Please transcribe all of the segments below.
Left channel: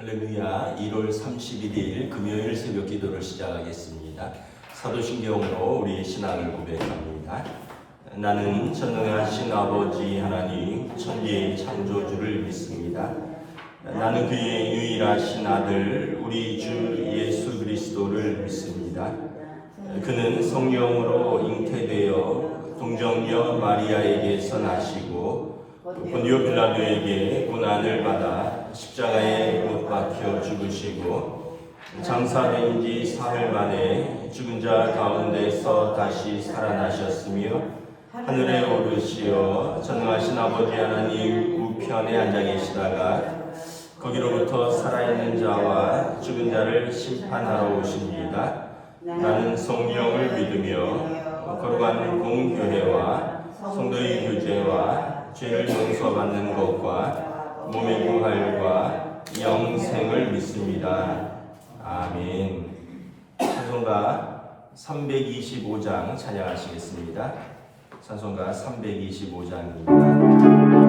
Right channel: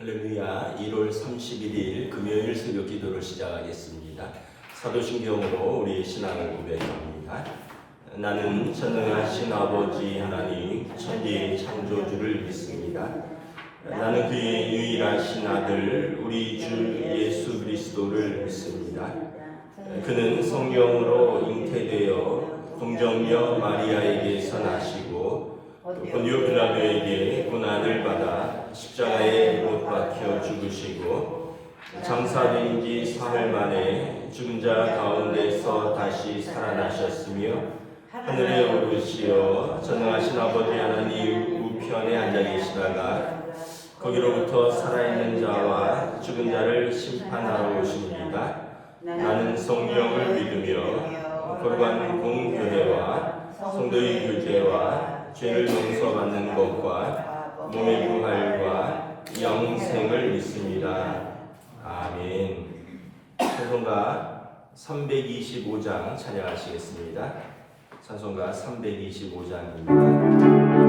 할렐루야. 1월 31일 금요일 새벽 기도를 시작하겠습니다. 사도신경으로 우리의 신앙을 고백합니다. 나는 전능하신 아버지 하나님 천지의 창조주를 믿습니다. 나는 그의 유일하신 아들 우리 주 예수 그리스도를 믿습니다. 그는 성령으로 잉태되어 동정녀 마리아에게서 나시고 본디오 빌라도에게 고난을 받아 십자가에 못 박혀 죽으시고 장사된 지 사흘 만에 죽은 자 가운데서 다시 살아나셨으며 하늘에 오르시어 전능하신 아버지 하나님 우편에 앉아 계시다가 거기로부터 살아있는 자와 죽은 자를 심판하러 오십니다. 나는 성령을 믿으며 거룩한 공교회와 성도의 교제와 죄를 용서받는 것과 몸의 부활과 영생을 믿습니다. 아멘. 찬송가 325장 찬양하시겠습니다. 찬송가 325장입니다.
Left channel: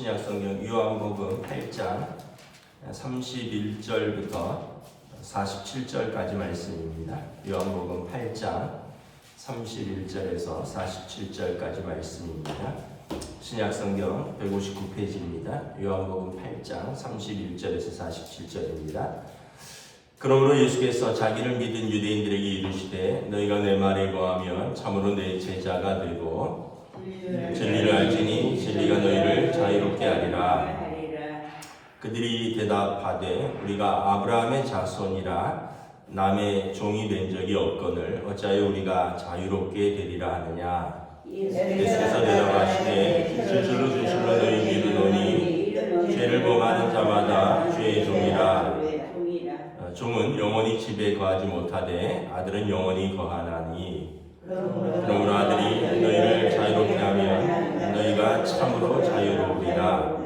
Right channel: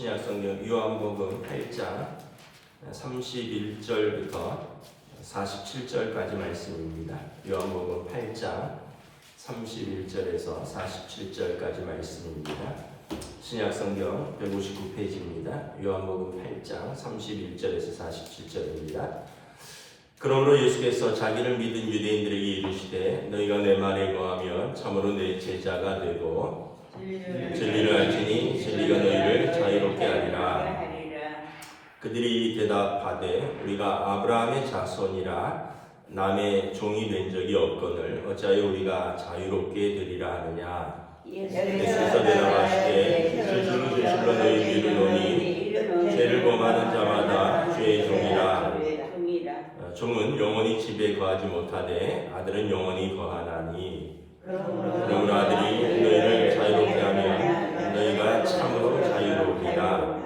신약성경 요한복음 8장 31절부터 47절까지 말씀입니다. 요한복음 8장 31절에서 47절까지 말씀입니다. 신약성경 159페이지입니다. 요한복음 8장 31절에서 47절입니다. 그러므로 예수께서 자기를 믿은 유대인들에게 이르시되 너희가 내 말에 거하면 참으로 내 제자가 되고 진리를 알지니 진리가 너희를 자유롭게 하리라. 그들이 대답하되 우리가 아브라함의 자손이라 남의 종이 된 적이 없거늘 어찌하여 우리가 자유롭게 되리라 하느냐. 예수께서 대답하시되 진실로 진실로 너희에게 이르노니 죄를 범하는 자마다 죄의 종이라. 종은 영원히 집에 거하지 못하되 아들은 영원히 거하나니 그러므로 아들이 너희를 자유롭게 하면 너희가 참으로 자유로우리라.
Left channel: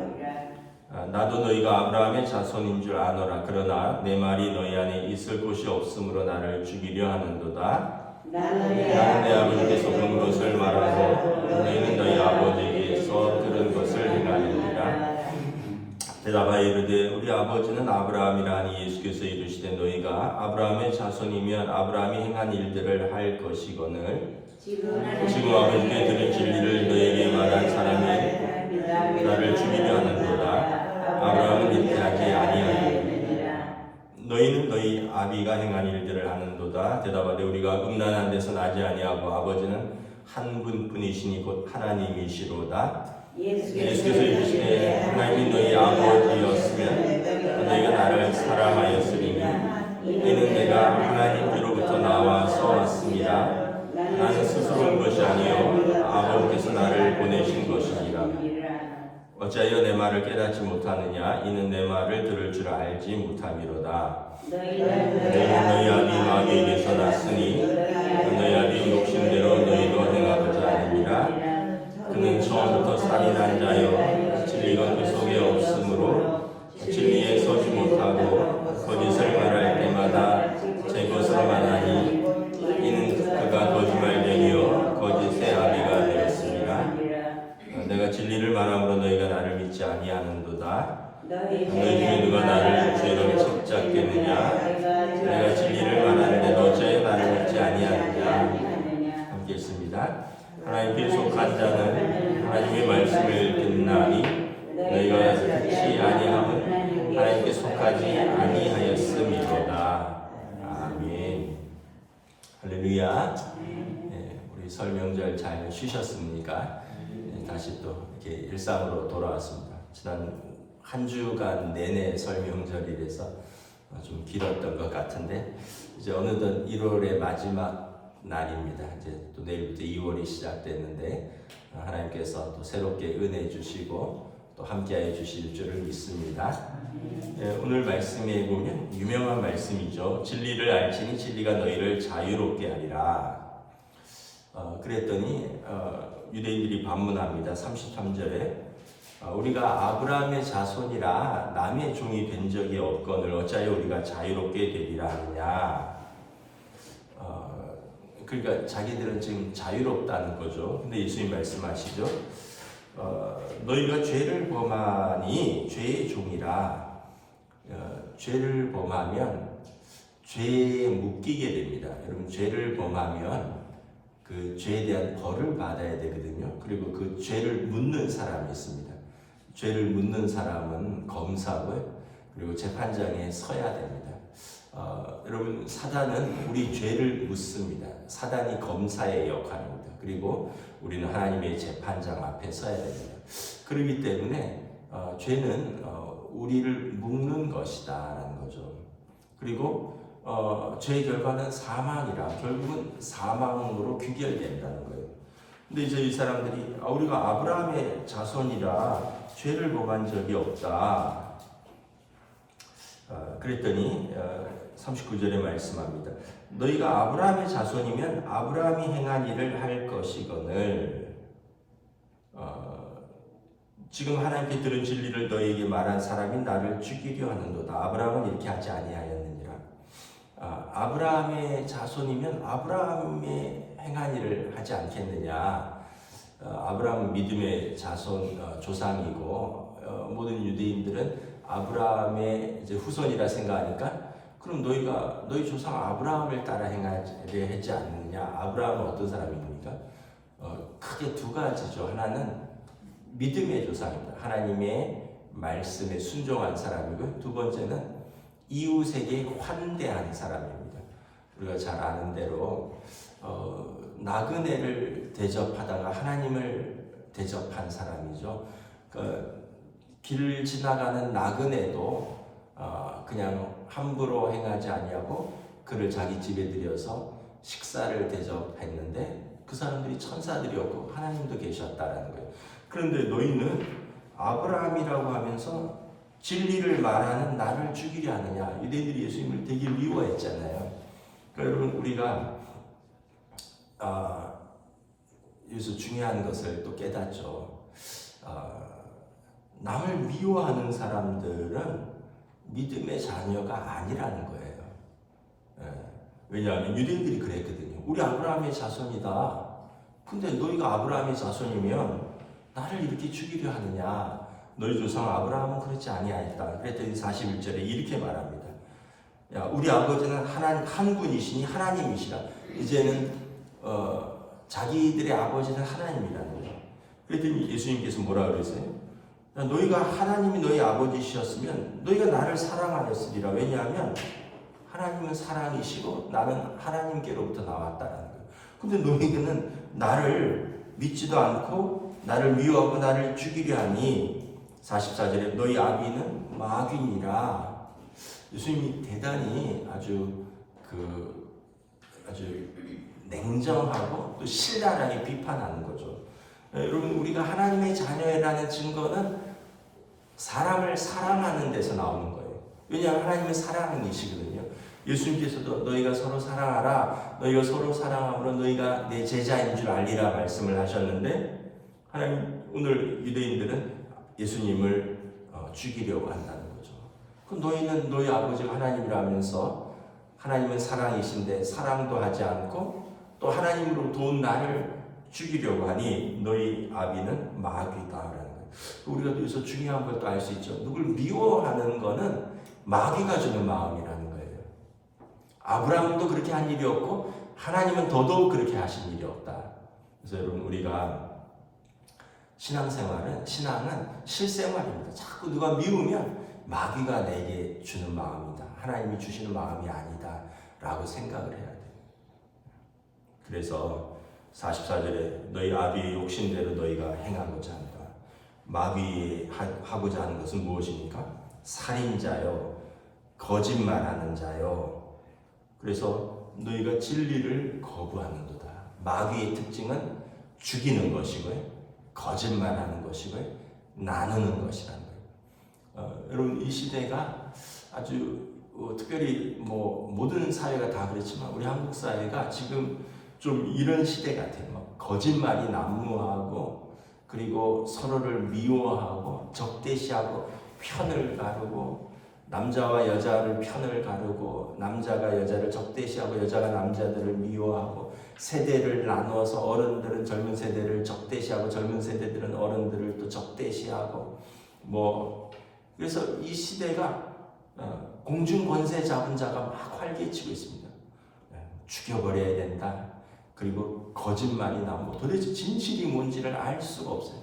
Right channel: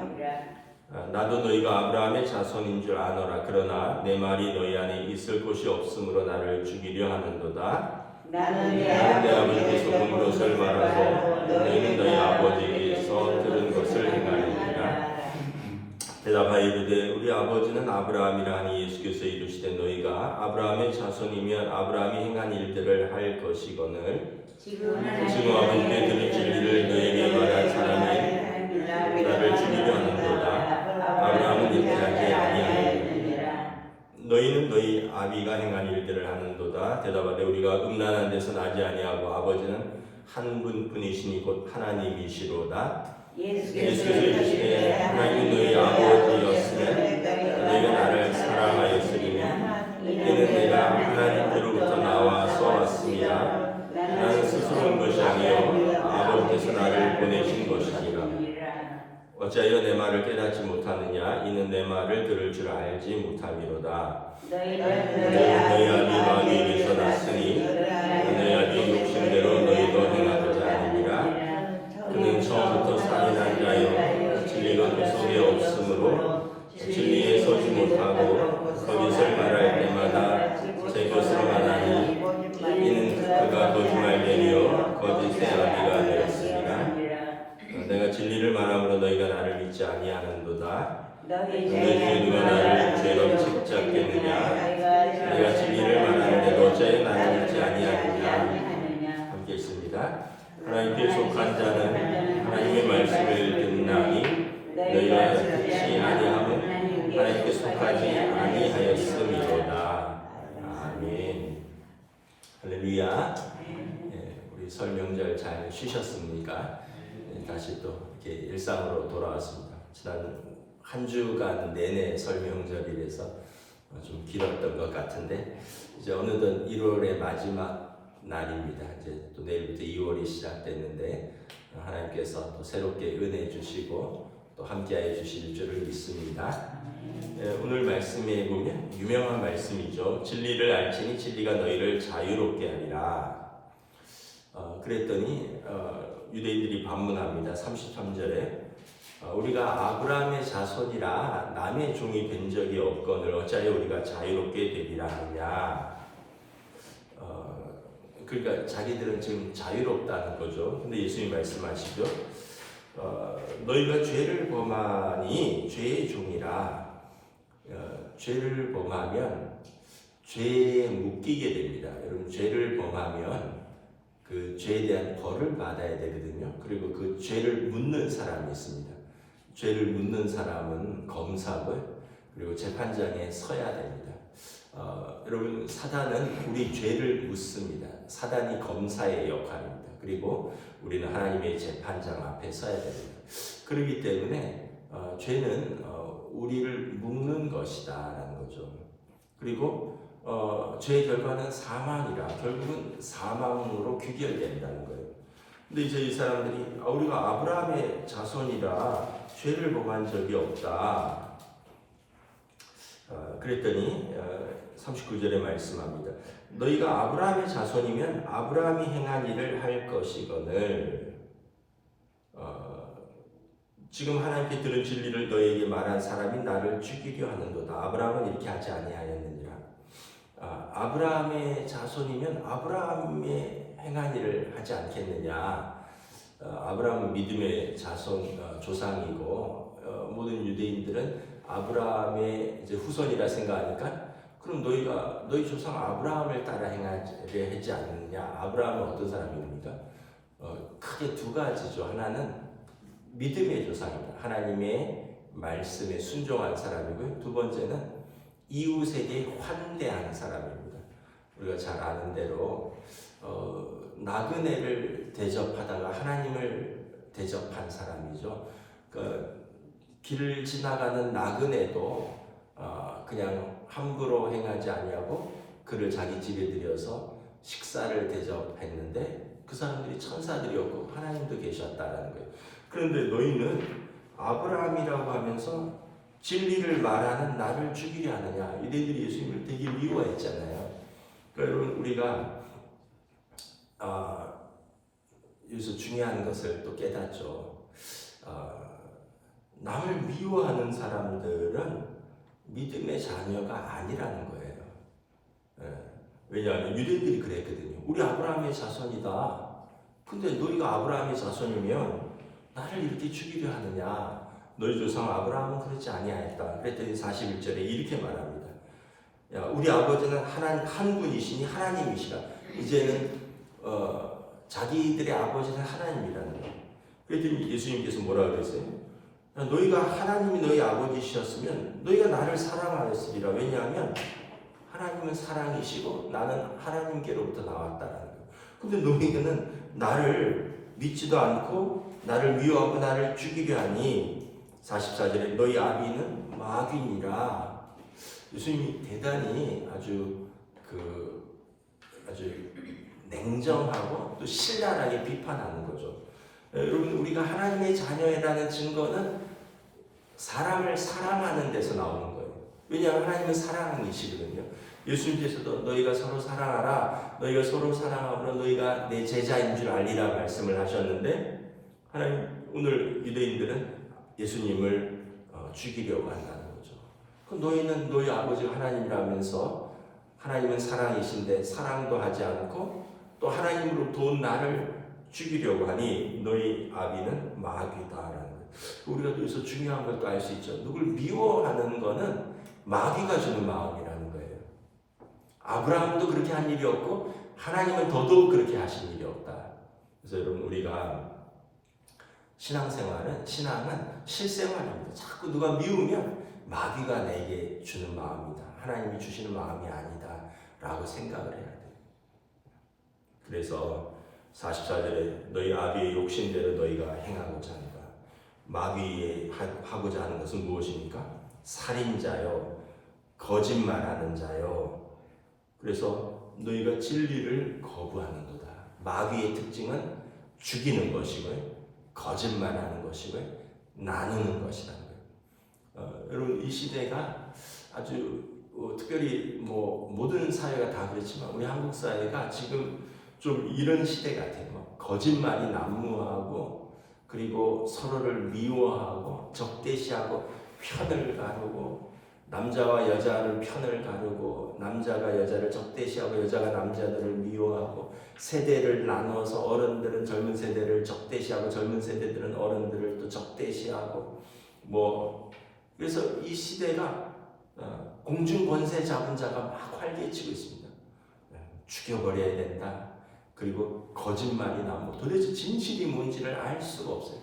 나도 너희가 아브라함의 자손인 줄 아노라. 그러나 내 말이 너희 안에 있을 곳이 없으므로 나를 죽이려 하는도다. 나는 내 아버지께서 본 것을 말하고 너희는 너희 아버지에게서 들은 것을 행하느니라. 대답하여 이르되 우리 아버지는 아브라함이라 하니 예수께서 이르시되 너희가 아브라함의 자손이면 아브라함이 행한 일들을 할 것이거늘 지금 아버지께 들은 진리를 너희에게 말한 사람은 나를 죽이려 하는도다. 아브라함은 이렇게 하지 아니하니 너희는 너희 아비가 행한 일들을 하는도다. 대답하되 우리가 음란한 데서 나지 아니하고 아버지는 한 분뿐이시니 곧 하나님이시로다. 예수께서 이르시되 하나님이 너희 아버지였으면 너희가 나를 사랑하였으리니 이는 내가 하나님께로부터 나와서 왔습니다. 나는 스스로 온 것이 아니요 아버지께서 나를 보내신 것이니라. 어찌하여 내 말을 깨닫지 못하느냐. 이는 내 말을 들을 줄 알지 못함이로다. 너희는 너희 아비 마귀에게서 났으니 너희 아비 욕심대로 너희도 행하고자 하느니라. 그는 처음부터 살인한 자요 진리가 그 속에 없으므로 진리에 서지 못하고 거짓을 말할 때마다 제 것으로 말하니 이는 그가 거짓말쟁이요 거짓의 아비가 되었습니다. 내가 진리를 말함으로 너희가 나를 믿지 아니하는도다. 너희 중에 누가 나를 죄로 책잡겠느냐. 내가 진리를 말하는데 어찌하여 나를 믿지 아니하느냐. 함께 읽습니다. 하나님께 속한 자는 하나님의 말씀을 듣나니 너희가 듣지 아니함은 하나님께 속하지 아니하였음이로다. 아멘. 할렐루야. 우리 설 명절 잘 쉬셨습니까? 다시 또 이렇게 일상으로 돌아왔습니다. 지난 한 주간 내내 설 명절이라서 좀 길었던 것 같은데 이제 어느덧 1월의 마지막 날입니다. 이제 또 내일부터 2월이 시작됐는데 하나님께서 또 새롭게 은혜 주시고 또 함께해 주실 줄을 믿습니다. 오늘 말씀에 보면 유명한 말씀이죠. 진리를 알지니 진리가 너희를 자유롭게 하리라. 그랬더니 유대인들이 반문합니다. 33절에 우리가 아브라함의 자손이라 남의 종이 된 적이 없거늘 어찌하여 우리가 자유롭게 되리라 하느냐. 그러니까 자기들은 지금 자유롭다는 거죠. 근데 예수님 말씀하시죠. 너희가 죄를 범하니 죄의 종이라. 죄를 범하면 죄에 묶이게 됩니다. 여러분 죄를 범하면 그 죄에 대한 벌을 받아야 되거든요. 그리고 그 죄를 묻는 사람이 있습니다. 죄를 묻는 사람은 검사고요. 그리고 재판장에 서야 됩니다. 여러분 사단은 우리 죄를 묻습니다. 사단이 검사의 역할입니다. 그리고 우리는 하나님의 재판장 앞에 서야 됩니다. 그렇기 때문에 죄는 우리를 묶는 것이다라는 거죠. 그리고 죄의 결과는 사망이라 결국은 사망으로 귀결된다는 거예요. 근데 이제 이 사람들이 우리가 아브라함의 자손이라 죄를 범한 적이 없다. 그랬더니 39절에 말씀합니다. 너희가 아브라함의 자손이면 아브라함이 행한 일을 할 것이거늘 지금 하나님께 들은 진리를 너희에게 말한 사람이 나를 죽이려 하는도다. 아브라함은 이렇게 하지 아니하였느니라. 아브라함의 자손이면 아브라함의 행한 일을 하지 않겠느냐. 아브라함은 믿음의 자손 조상이고 모든 유대인들은 아브라함의 이제 후손이라 생각하니까 그럼 너희가 너희 조상 아브라함을 따라 행하려 하지 않느냐. 아브라함은 어떤 사람입니까? 크게 두 가지죠. 하나는 믿음의 조상입니다. 하나님의 말씀에 순종한 사람이고요. 두 번째는 이웃에게 환대한 사람입니다. 우리가 잘 아는 대로 나그네를 대접하다가 하나님을 대접한 사람이죠. 길을 지나가는 나그네도 그냥 함부로 행하지 아니하고 그를 자기 집에 들여서 식사를 대접했는데 그 사람들이 천사들이었고 하나님도 계셨다라는 거예요. 그런데 너희는 아브라함이라고 하면서 진리를 말하는 나를 죽이려 하느냐. 유대인들이 예수님을 되게 미워했잖아요. 그러니까 여러분 우리가 여기서 중요한 것을 또 깨닫죠. 남을 미워하는 사람들은 믿음의 자녀가 아니라는 거예요. 왜냐하면 유대인들이 그랬거든요. 우리 아브라함의 자손이다. 근데 너희가 아브라함의 자손이면 나를 이렇게 죽이려 하느냐. 너희 조상 아브라함은 그렇지 아니하였다. 그랬더니 41절에 이렇게 말합니다. 야, 우리 아버지는 한 분이시니 하나님이시라. 이제는 자기들의 아버지는 하나님이라는 거예요. 그랬더니 예수님께서 뭐라 그랬어요? 야, 너희가 하나님이 너희 아버지셨으면 너희가 나를 사랑하였으리라. 왜냐하면 하나님은 사랑이시고 나는 하나님께로부터 나왔다라는 거예요. 근데 너희는 나를 믿지도 않고 나를 미워하고 나를 죽이려 하니 44절에 너희 아비는 마귀니라. 예수님이 대단히 아주 냉정하고 또 신랄하게 비판하는 거죠. 여러분 우리가 하나님의 자녀라는 증거는 사람을 사랑하는 데서 나오는 거예요. 왜냐하면 하나님은 사랑이시거든요. 예수님께서도 너희가 서로 사랑하라. 너희가 서로 사랑함으로 너희가 내 제자인 줄 알리라 말씀을 하셨는데 하나님 오늘 유대인들은 예수님을 죽이려고 한다는 거죠. 너희는 너희 아버지가 하나님이라면서 하나님은 사랑이신데 사랑도 하지 않고 또 하나님으로부터 온 나를 죽이려고 하니 너희 아비는 마귀다라는 거예요. 우리가 여기서 중요한 걸 또 알 수 있죠. 누굴 미워하는 거는 마귀가 주는 마음이라는 거예요. 아브라함도 그렇게 한 일이 없고 하나님은 더더욱 그렇게 하신 일이 없다. 그래서 여러분 우리가 신앙은 실생활입니다. 자꾸 누가 미우면 마귀가 내게 주는 마음이다. 하나님이 주시는 마음이 아니다. 라고 생각을 해야 돼요. 그래서 44절에 너희 아비의 욕심대로 너희가 행하고자 한다. 마귀 하고자 하는 것은 무엇입니까? 살인자요, 거짓말하는 자요. 그래서 너희가 진리를 거부하는도다. 마귀의 특징은 죽이는 것이고요, 거짓말하는 것이고요, 나누는 것이라는 거예요. 여러분 이 시대가 아주 특별히 모든 사회가 다 그렇지만 우리 한국 사회가 지금 좀 이런 시대 같아요. 거짓말이 난무하고 그리고 서로를 미워하고 적대시하고 편을 가르고 남자와 여자를 편을 가르고 남자가 여자를 적대시하고 여자가 남자들을 미워하고 세대를 나누어서 어른들은 젊은 세대를 적대시하고 젊은 세대들은 어른들을 또 적대시하고 그래서 이 시대가 공중 권세 잡은 자가 막 활개치고 있습니다. 죽여버려야 된다. 그리고 거짓말이 나오고 도대체 진실이 뭔지를 알 수가 없어요.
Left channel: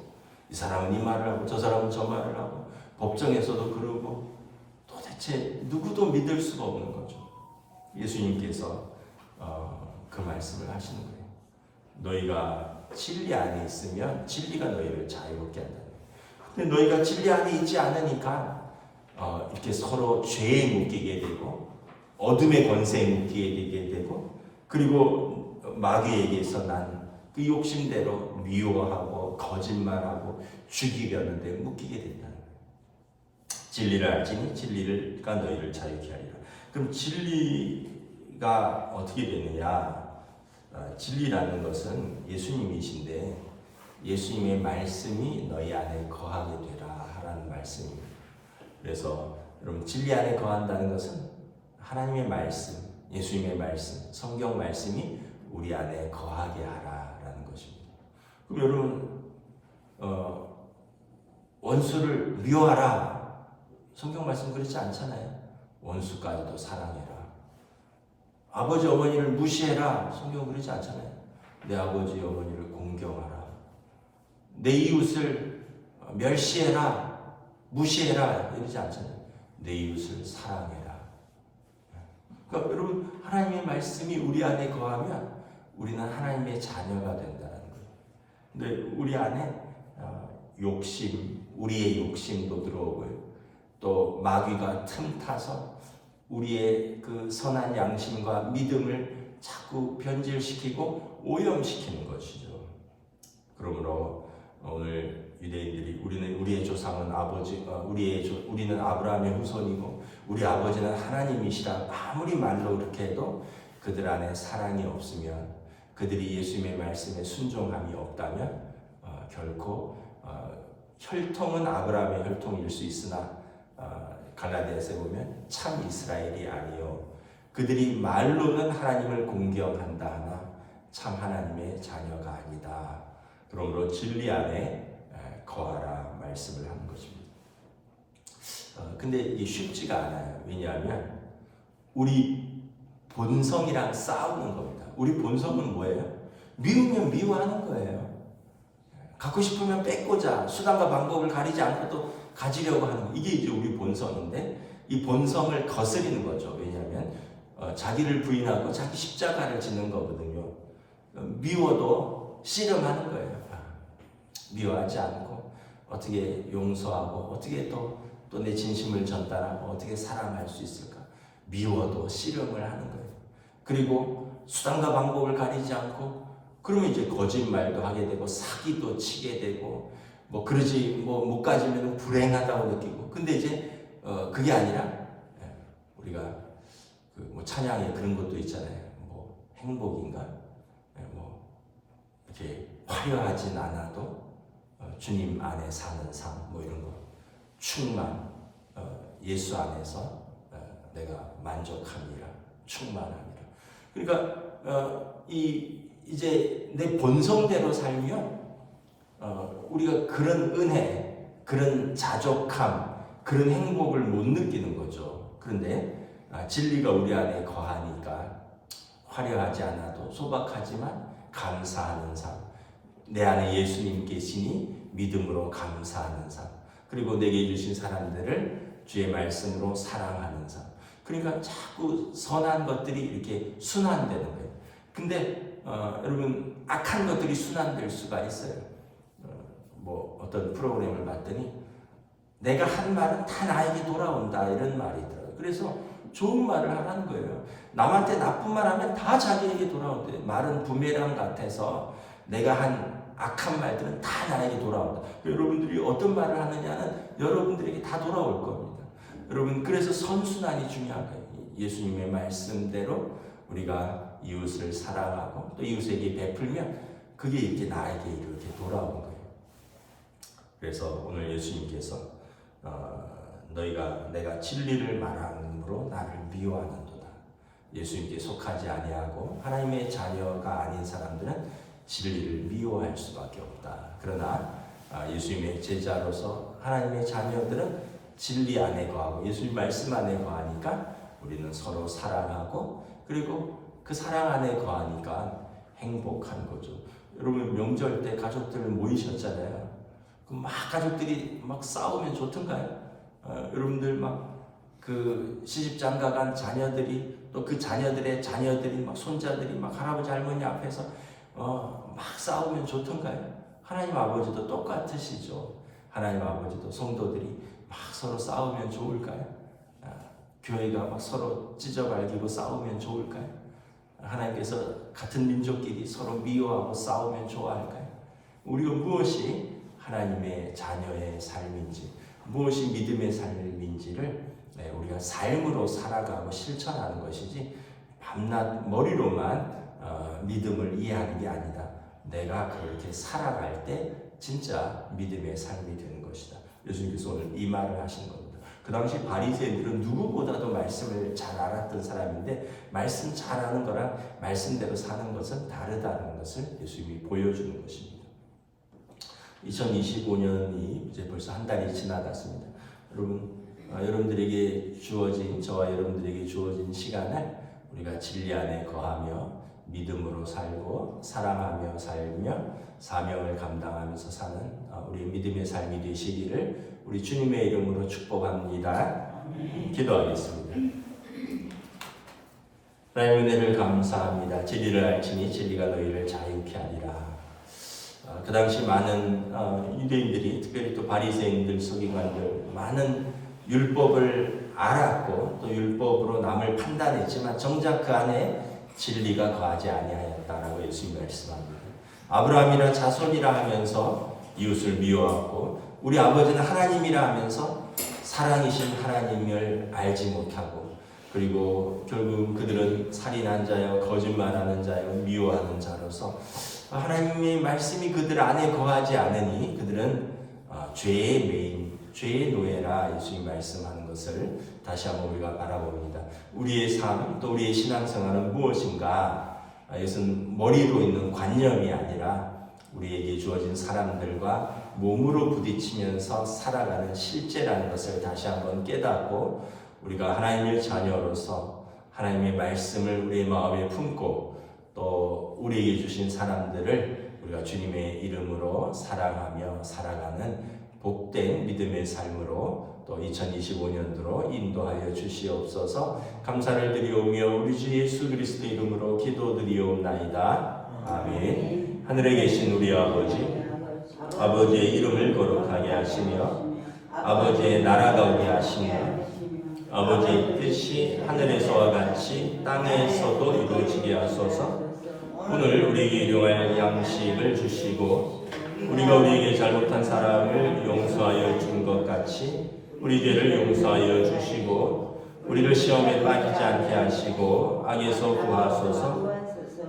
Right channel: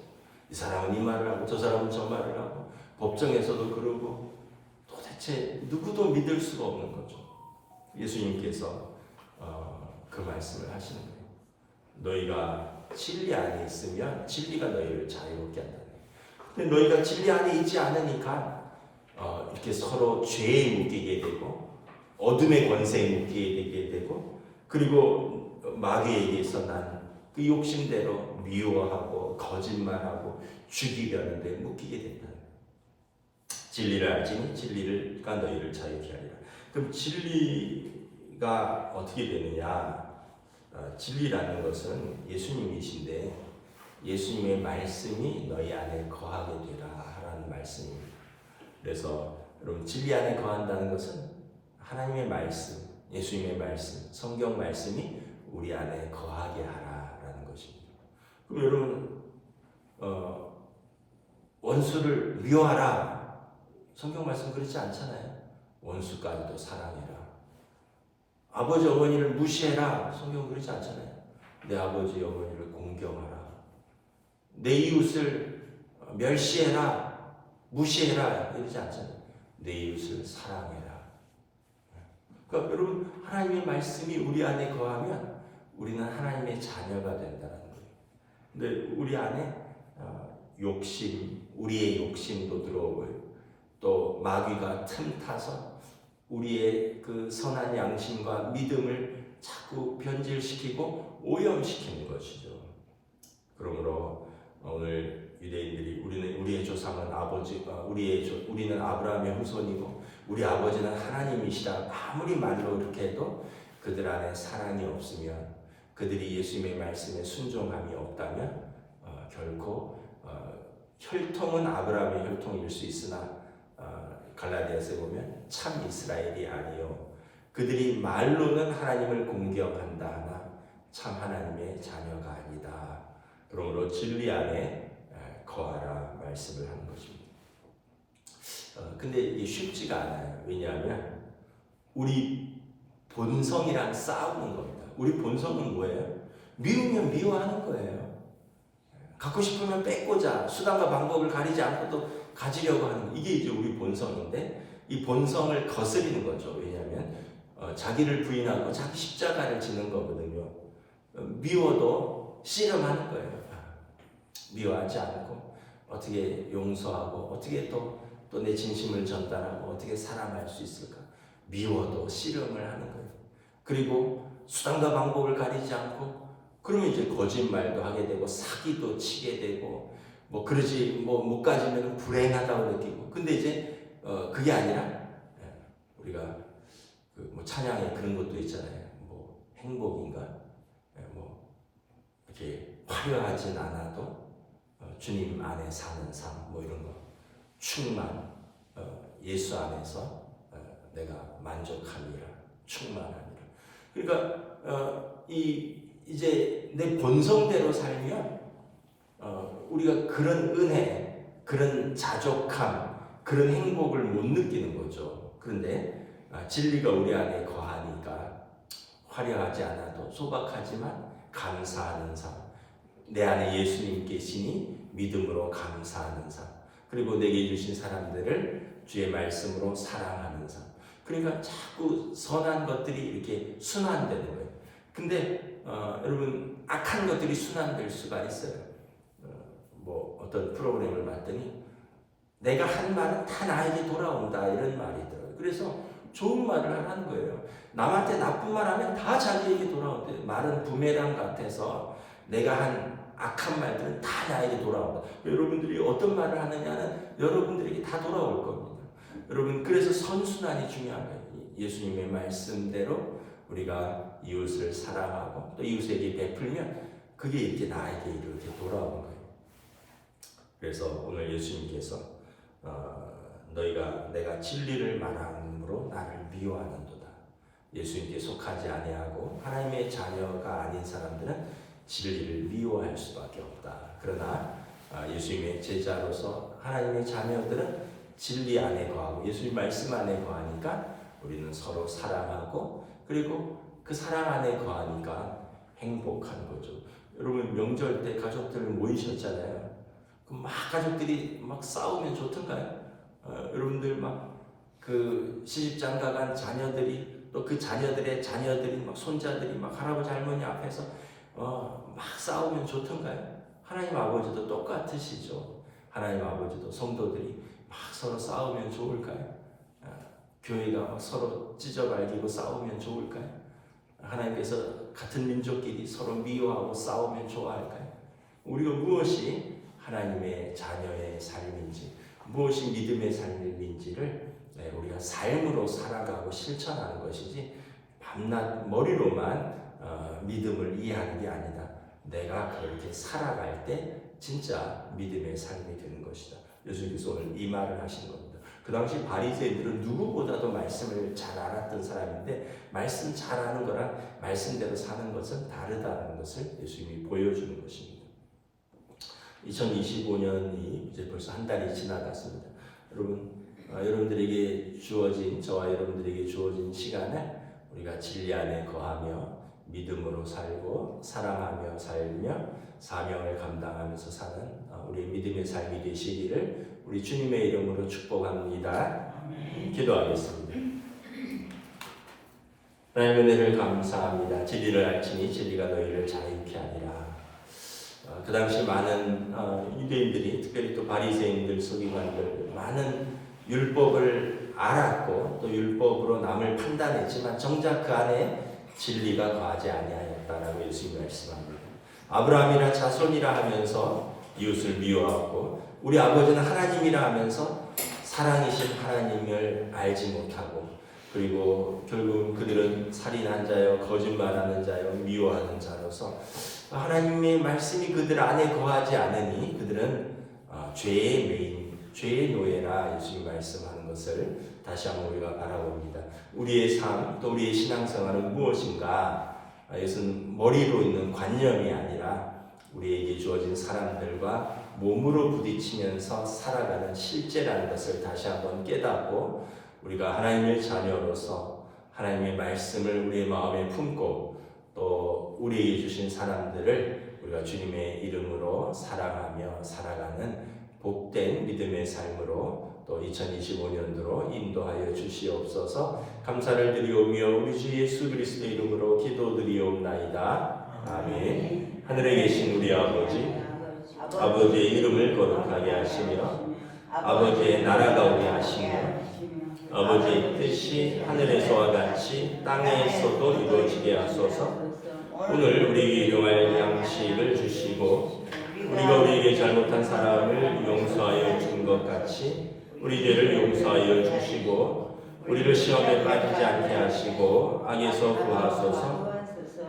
이 사람은 이 말을 하고 저 사람은 저 말을 하고 법정에서도 그러고 도대체 누구도 믿을 수가 없는 거죠. 예수님께서 그 말씀을 하시는 거예요. 너희가 진리 안에 있으면 진리가 너희를 자유롭게 한다는 거예요. 근데 너희가 진리 안에 있지 않으니까 이렇게 서로 죄에 묶이게 되고 어둠의 권세에 묶이게 되고 그리고 마귀에게서 난 그 욕심대로 미워하고 거짓말하고 죽이려는 데 묶이게 된다는 거예요. 진리를 알지니 진리가 너희를 자유케 하리라. 그럼 진리가 어떻게 되느냐? 진리라는 것은 예수님이신데 예수님의 말씀이 너희 안에 거하게 되라 하라는 말씀입니다. 그래서 여러분 진리 안에 거한다는 것은 하나님의 말씀, 예수님의 말씀, 성경 말씀이 우리 안에 거하게 하라라는 것입니다. 그럼 여러분 원수를 미워하라. 성경 말씀 그렇지 않잖아요. 원수까지도 사랑해라. 아버지 어머니를 무시해라. 성경 그렇지 않잖아요. 내 아버지 어머니를 공경하라. 내 이웃을 멸시해라. 무시해라. 이러지 않잖아요. 내 이웃을 사랑해라. 그러니까 여러분 하나님의 말씀이 우리 안에 거하면 우리는 하나님의 자녀가 된다는 거예요. 근데 우리 안에 욕심, 우리의 욕심도 들어오고요. 또 마귀가 틈타서 우리의 그 선한 양심과 믿음을 자꾸 변질시키고 오염시키는 것이죠. 그러므로 오늘 유대인들이 우리의 조상은 우리는 아브라함의 후손이고 우리 아버지는 하나님이시라 아무리 말로 이렇게 해도 그들 안에 사랑이 없으면, 그들이 예수님의 말씀에 순종함이 없다면 결코 혈통은 아브라함의 혈통일 수 있으나 갈라디아서에 보면 참 이스라엘이 아니요 그들이 말로는 하나님을 공경한다 하나 참 하나님의 자녀가 아니다. 그러므로 진리 안에 거하라 말씀을 하는 것입니다. 근데 이게 쉽지가 않아요. 왜냐하면 우리 본성이랑 싸우는 겁니다. 우리 본성은 뭐예요? 미우면 미워하는 거예요. 갖고 싶으면 뺏고자 수단과 방법을 가리지 않고 또 가지려고 하는 거. 이게 이제 우리 본성인데 이 본성을 거스리는 거죠. 왜냐하면 자기를 부인하고 자기 십자가를 지는 거거든요. 미워도 씨름하는 거예요. 미워하지 않고 어떻게 용서하고 어떻게 또 내 진심을 전달하고 어떻게 사랑할 수 있을까? 미워도 씨름을 하는 거예요. 그리고 수단과 방법을 가리지 않고 그러면 이제 거짓말도 하게 되고 사기도 치게 되고 그러지 못 가지면 불행하다고 느끼고. 근데 이제 그게 아니라 우리가 찬양에 그런 것도 있잖아요. 행복인가? 이렇게 화려하진 않아도 주님 안에 사는 삶 이런 거 충만, 예수 안에서 내가 만족함이라, 충만함이라. 그러니까 이제 내 본성대로 살면 우리가 그런 은혜, 그런 자족함, 그런 행복을 못 느끼는 거죠. 그런데 진리가 우리 안에 거하니까 화려하지 않아도 소박하지만 감사하는 삶, 내 안에 예수님 계시니 믿음으로 감사하는 삶, 그리고 내게 주신 사람들을 주의 말씀으로 사랑하는 삶. 그러니까 자꾸 선한 것들이 이렇게 순환되는 거예요. 근데 여러분 악한 것들이 순환될 수가 있어요. 어떤 프로그램을 봤더니 내가 한 말은 다 나에게 돌아온다 이런 말이 있더라고요. 그래서 좋은 말을 하라는 거예요. 남한테 나쁜 말 하면 다 자기에게 돌아온대. 말은 부메랑 같아서 내가 한 악한 말들은 다 나에게 돌아온다. 여러분들이 어떤 말을 하느냐는 여러분들에게 다 돌아올 겁니다. 여러분, 그래서 선순환이 중요한 거예요. 예수님의 말씀대로 우리가 이웃을 사랑하고 또 이웃에게 베풀면 그게 이렇게 나에게 이렇게 돌아오는 거예요. 그래서 오늘 예수님께서 내가 진리를 말함으로 나를 미워하는도다. 예수님께 속하지 아니하고 하나님의 자녀가 아닌 사람들은 진리를 미워할 수밖에 없다. 그러나 예수님의 제자로서 하나님의 자녀들은 진리 안에 거하고 예수님 말씀 안에 거하니까 우리는 서로 사랑하고 그리고 그 사랑 안에 거하니까 행복한 거죠. 여러분 명절 때 가족들 모이셨잖아요. 막 가족들이 막 싸우면 좋던가요? 여러분들 그 시집장가간 자녀들이 또 그 자녀들의 자녀들이 막 손자들이 막 할아버지 할머니 앞에서 막 싸우면 좋던가요? 하나님 아버지도 똑같으시죠. 하나님 아버지도 성도들이 막 서로 싸우면 좋을까요? 교회가 막 서로 찢어발기고 싸우면 좋을까요? 하나님께서 같은 민족끼리 서로 미워하고 싸우면 좋아할까요? 우리가 무엇이 하나님의 자녀의 삶인지, 무엇이 믿음의 삶인지를 우리가 삶으로 살아가고 실천하는 것이지 밤낮 머리로만 믿음을 이해하는 게 아니다. 내가 그렇게 살아갈 때 진짜 믿음의 삶이 되는 것이다. 예수님께서 오늘 이 말을 하신 겁니다. 그 당시 바리새인들은 누구보다도 말씀을 잘 알았던 사람인데 말씀 잘하는 거랑 말씀대로 사는 것은 다르다는 것을 예수님이 보여주는 것입니다. 2025년이 이제 벌써 한 달이 지나갔습니다. 여러분들에게 주어진, 저와 여러분들에게 주어진 시간을 우리가 진리 안에 거하며 믿음으로 살고 사랑하며 살며 사명을 감당하면서 사는 우리 믿음의 삶이 되시기를 우리 주님의 이름으로 축복합니다. 기도하겠습니다. 하나님의 은혜를 감사합니다. 진리를 알지니 진리가 너희를 자유케 하리라. 그 당시 많은 유대인들이, 특별히 또 바리새인들, 서기관들, 많은 율법을 알았고 또 율법으로 남을 판단했지만 정작 그 안에 진리가 거하지 아니하였다라고 예수님이 말씀합니다. 아브라함이라 자손이라 하면서 이웃을 미워하고 우리 아버지는 하나님이라 하면서 사랑이신 하나님을 알지 못하고, 그리고 결국 그들은 살인한 자여 거짓말하는 자여 미워하는 자로서 하나님의 말씀이 그들 안에 거하지 않으니 그들은 죄의 메인, 죄의 노예라 예수님이 말씀하는 것을 다시 한번 우리가 바라봅니다. 우리의 삶, 또 우리의 신앙생활은 무엇인가? 이것은 머리로 있는 관념이 아니라 우리에게 주어진 사람들과 몸으로 부딪히면서 살아가는 실제라는 것을 다시 한번 깨닫고, 우리가 하나님의 자녀로서 하나님의 말씀을 우리의 마음에 품고 또 우리에게 주신 사람들을 우리가 주님의 이름으로 사랑하며 살아가는 복된 믿음의 삶으로 또 2025년도로 인도하여 주시옵소서. 감사를 드리오며 우리 주 예수 그리스도 이름으로 기도드리옵나이다. 아멘. 하늘에 계신 우리 아버지, 아버지의 이름을 거룩하게 하시며 아버지의 나라가 오게 하시며 아버지의 뜻이 하늘에서와 같이 땅에서도 이루어지게 하소서. 오늘 우리에게 일용할 양식을 주시고 우리가 우리에게 잘못한 사람을 용서하여 준 것 같이 우리 죄를 용서하여 주시고 우리를 시험에 빠지지 않게 하시고 악에서 구하소서.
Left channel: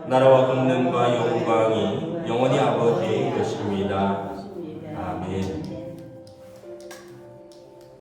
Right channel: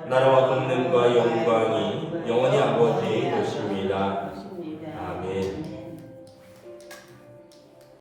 나라와 권능과 영광이 영원히 아버지의 것입니다. 아멘.